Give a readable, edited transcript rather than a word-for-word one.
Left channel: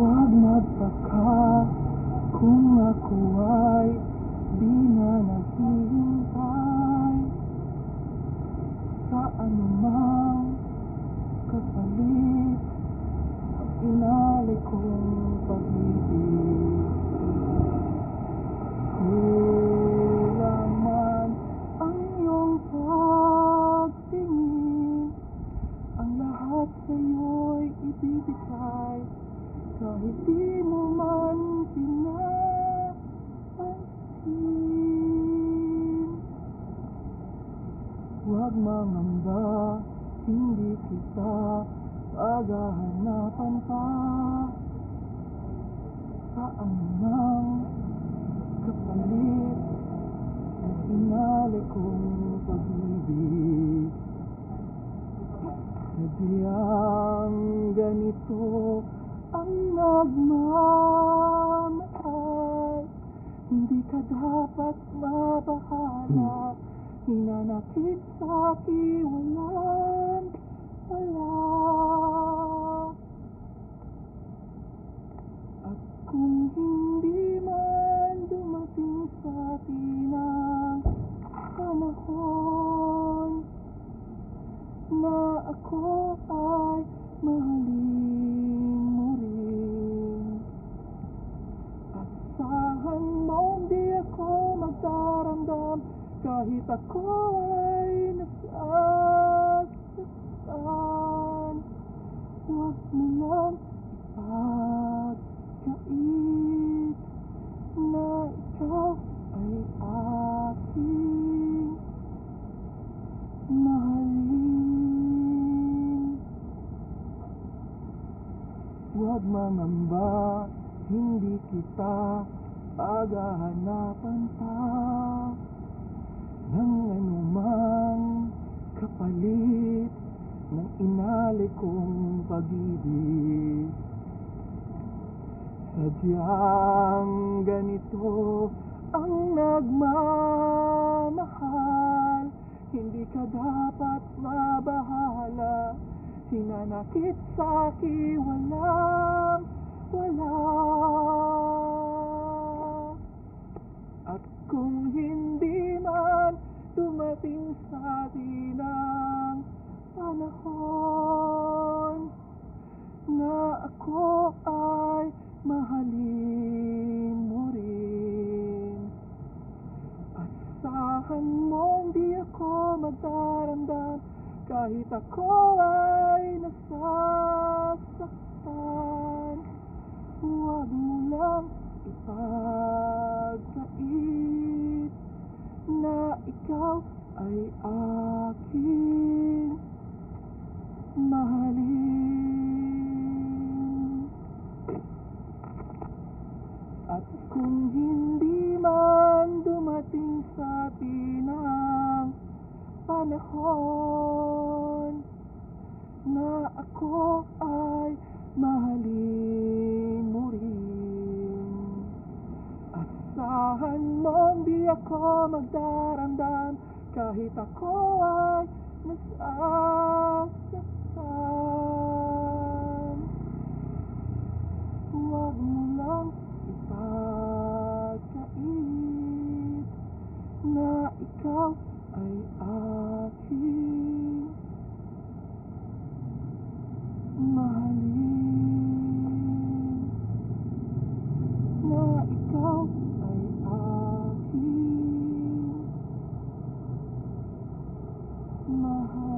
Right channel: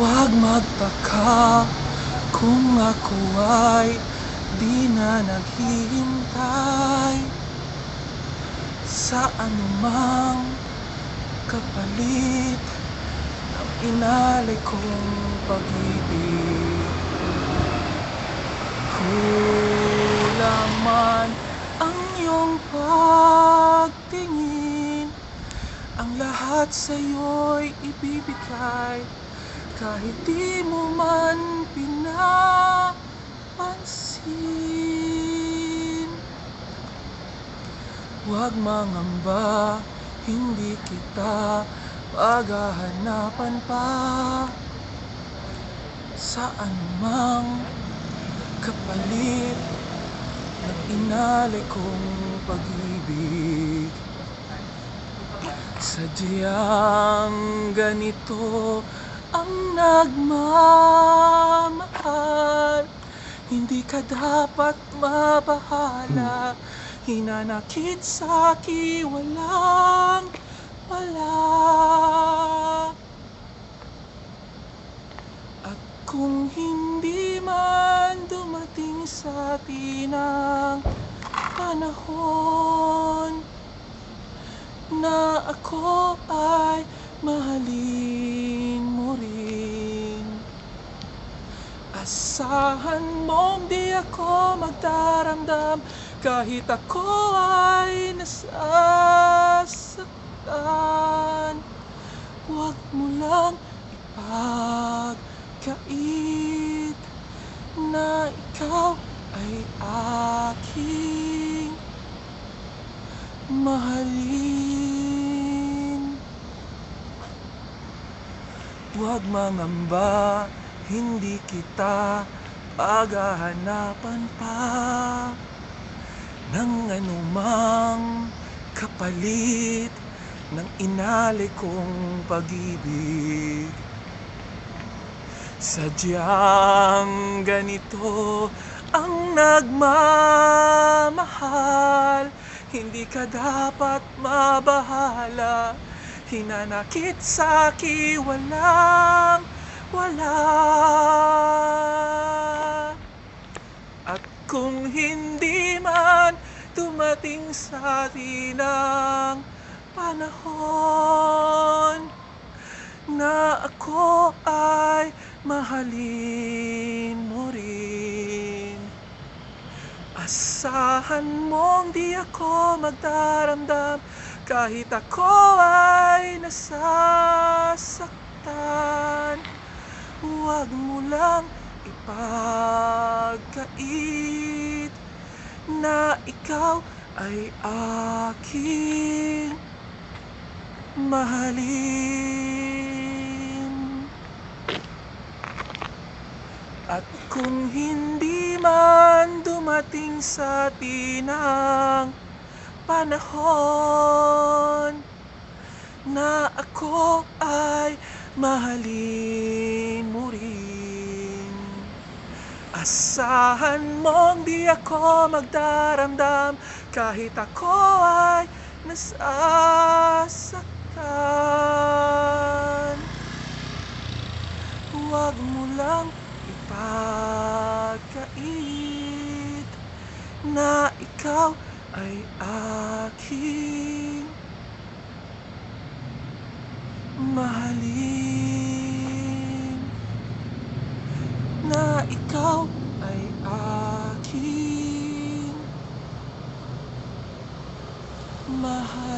Huwag magtaka kung ako ay di na naghihintay sa anumang kapalit ng inalay kong pag-ibig. Kulang man ang iyong pagtingin, ang lahat sa'yo'y ibibigay kahit di mo man pinapansin. Huwag mangamba, hindi kita paghahanapan pa sa anumang kapalit ng inalay kong pag-ibig. Sadyang ganito ang nagmamahal, hindi ka dapat mabahala. Hinanakit sa'ki walang wala. At kung hindi man dumating sa atin ang panahon na ako ay mahalin mo rin, asahan mong di ako magdaramdam kahit ako ay nasasaktan. Huwag mo lang ipagkait na ikaw ay aking mahalin. Huwag mangamba, hindi kita paghahanapan pa ng anumang kapalit ng inalay kong pag-ibig. Sadyang ganito ang nagmamahal, hindi ka dapat mabahala. Hinanakit sa'ki walang wala. At kung hindi man dumating sa atin ang panahon na ako ay mahalin mo rin, asahan mong di ako magdaramdam kahit ako ay nasasaktan. Huwag mo lang ipagkait na ikaw ay aking mahalin. At kung hindi man dumating sa atin ang panahon na ako ay mahalin mo rin, asahan mong di ako magdaramdam kahit ako ay nasasaktan. Huwag mo lang ipagkait na ikaw ay aking mahalin, na ikaw ay aking mahalin.